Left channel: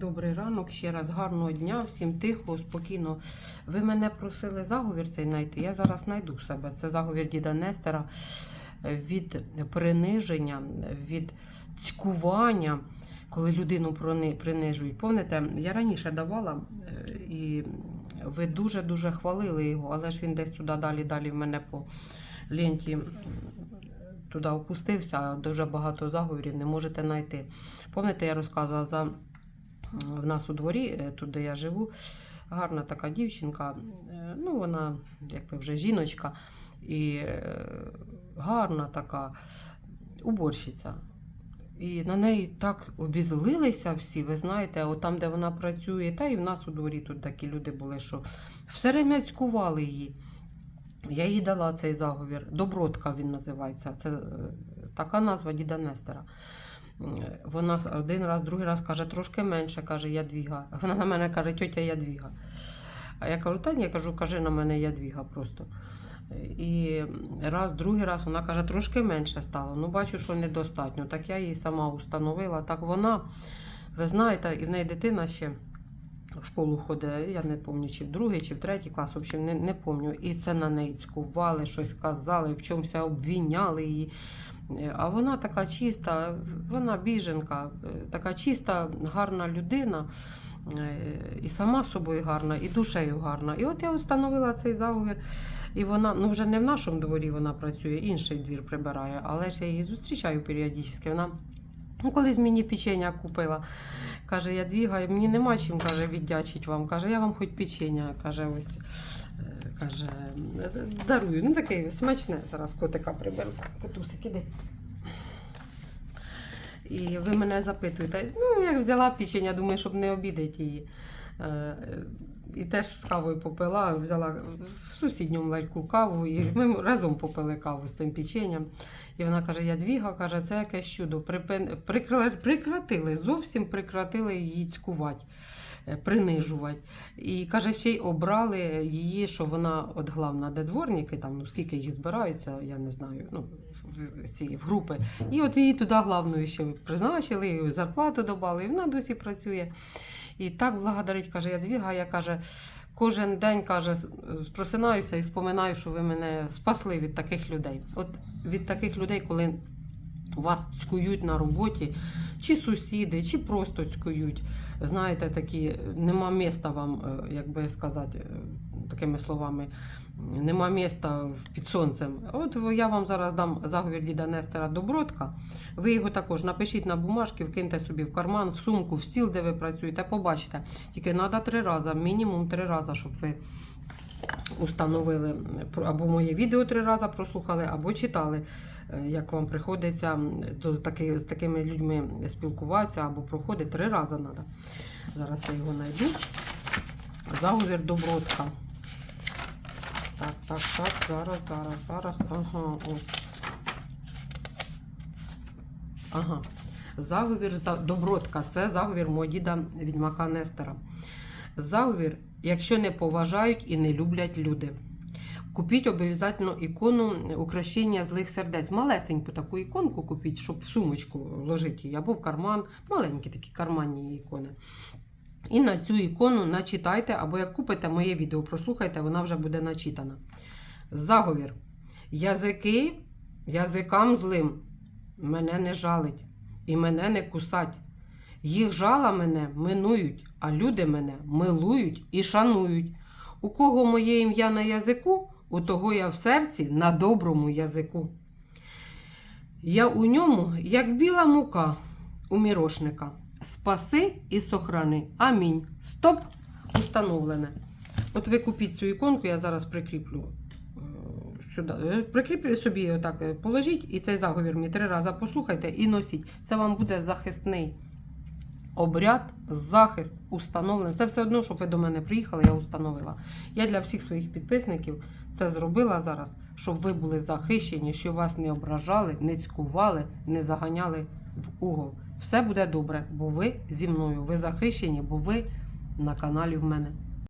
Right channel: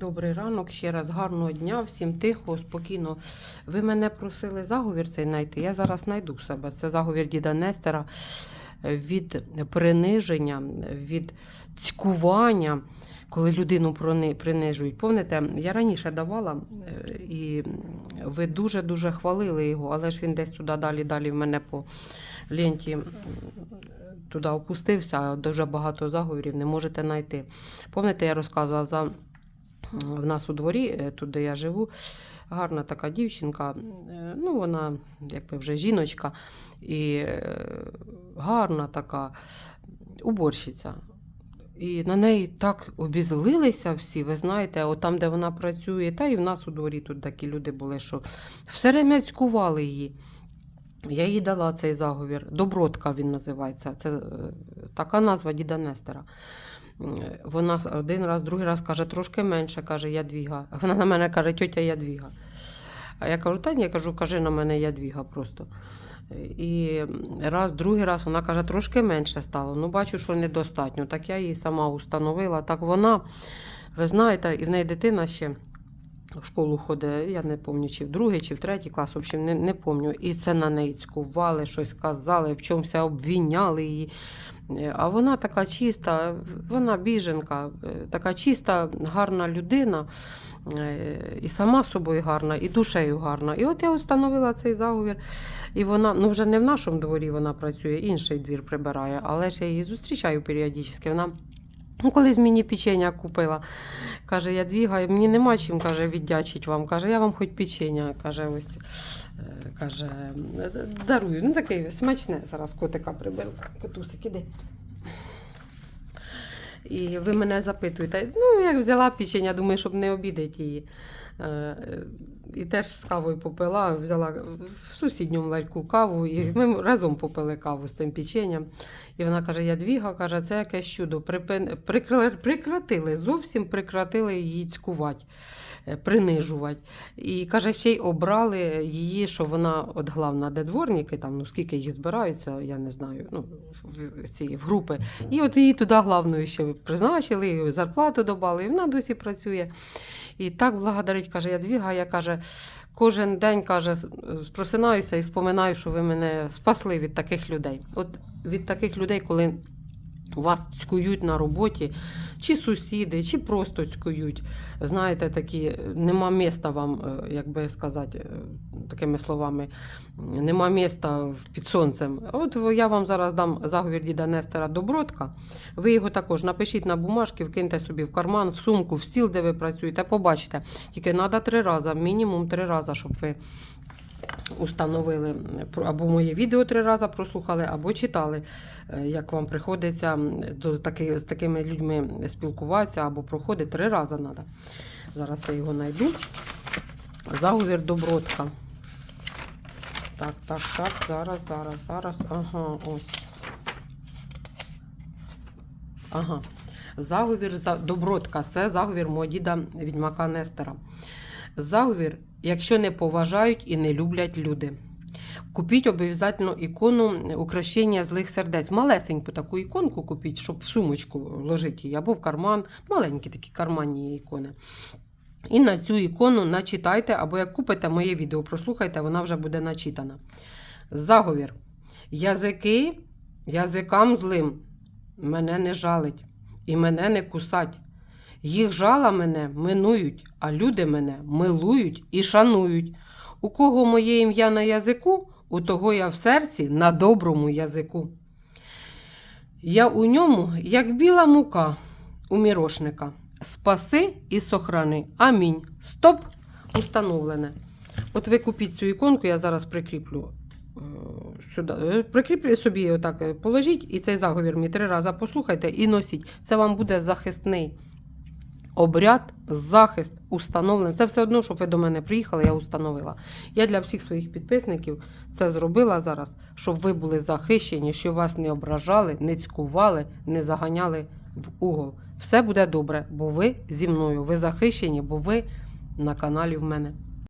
Добрий ранок, ще раз гарного дня, всім тихо, спокійно. Ви мене просили заговір цей знайти. Я зараз знайду в себе. Це заговір діда Нестера від приниження, від цькування, коли людину принижують. Пам'ятаєте, я раніше давала, е, і ви дуже-дуже хвалили його, але ж він десь туди далі, далі в мене по ленті туди опустився, дуже багато заговорів не можете знайти. Пам'ятаєте, я розказувала за в нас у дворі, е, тут де я живу, гарна така дівчинка. е, Ну, вона якби вже жіночка і е, гарна така уборщиця. І на неї так обізлилися всі, ви знаєте, от там, де вона працює, та і в нас у дворі тут такі люди були, що все время цькували її. Я їй дала цей заговір. Добротка він називається. Це така назва діда Нестера. Вона один раз, другий раз каже, трошки менше, каже Ядвіга. Вона на мене каже, тьотя Ядвіга. А я кажу, та ні, я кажу, кажи на мене Ядвіга просто. І раз, другий раз вона каже, трошки менше стало. Ну, бачу, що недостатньо. Так я її сама установила. Так вона, ви знаєте, і в неї дитина ще в школу ходить, я не пам'ятаю, чи в другий, чи в третій клас, в общем, не, не пам'ятаю. І це на неї цькували, щось казали, в чомусь обвіняли її. Е, А вона така чиста, вона біженка, е, така чиста, гарна людина, е, і сама собою гарна, і душею гарна. І от я встановила цей заговір. І вона, ну вже не в нашому дворі вона працює, інший двір прибирає, але ж я її зустрічаю періодично. Вона ну, колись мені печення купила. Каже, я двігаю, мені нема чим каже, віддячить вам. Каже, я вам хоч печення. Каже, ось каже, дарую. Ну таке смачне. Зараз котика приберу. Котусик, іди. І ви мене запитуєте, ну як взяла печення, думаю, щоб не обідати її. Е, І теж з кавою попила, взяла в сусідньому ларьку каву, і ми разом попили каву з цим печенням. І вона каже: Ядвіга, каже, це якесь чудо. Припин... прикра- Прекратили, зовсім прекратили її цькувати, принижувати. І каже, ще й обрали її, що вона от главна, де дворники, там, ну скільки їх збираються, я не знаю, ну, в ці в групи. І от її туди главною ще призначили, зарплату додали, і вона досі працює. І так благодарить, каже, Ядвіга, я каже, кожен день каже, просинаюся і споминаю, що ви мене спасли від таких людей. От від таких людей, коли вас цькують на роботі, чи сусіди, чи просто цькують. Знаєте, такі нема міста вам, е, як би сказати, е, такими словами, нема міста під сонцем. От я вам зараз дам заговір діда Нестера Добротка. Ви його також напишіть на бумажки, вкиньте собі в карман, в сумку, в стіл, де ви працюєте, побачите. Тільки треба три рази, мінімум три рази, щоб ви установили або моє відео три рази прослухали, або читали, е, як вам приходиться до, таки, з такими людьми спілкуватися, або проходить три рази треба. Зараз я його знайду. Заговір Добротка. Так, так, так, зараз, зараз, зараз. Ага, ось. Ага. Заговір за Добротка. Це заговір мого діда відьмака Нестера. Заговір, якщо не поважають і не люблять люди. Купіть обов'язково ікону украшення злих сердець. Малесеньку таку іконку купіть, щоб в сумочку ложити її, або в карман. Маленькі такі карманні ікони. І на цю ікону начитайте, або як купите моє відео, прослухайте, вона вже буде начитана. Заговір. Язики язикам злим мене не жалить і мене не кусать. Їх жала мене минують, а люди мене милують і шанують. У кого моє ім'я на язику, у того я в серці на доброму язику. Я у ньому, як біла мука у мірошника. Спаси і сохрани. Амінь. Стоп! Установлене. От ви купіть цю іконку, я зараз прикріплю е, сюди. Е, Прикріплю собі отак, е, положіть, і цей заговір мені три рази послухайте і носіть. Це вам буде захисний обряд, захист установлення. Це все одно, щоб ви до мене приїхали, я установила. Я для всіх своїх підписників це зробила зараз, щоб ви були захищені, щоб вас не ображали, не цькували, не заганяли в угол. Все буде добре, бо ви зі мною. Ви захищені, бо ви на каналі в мене.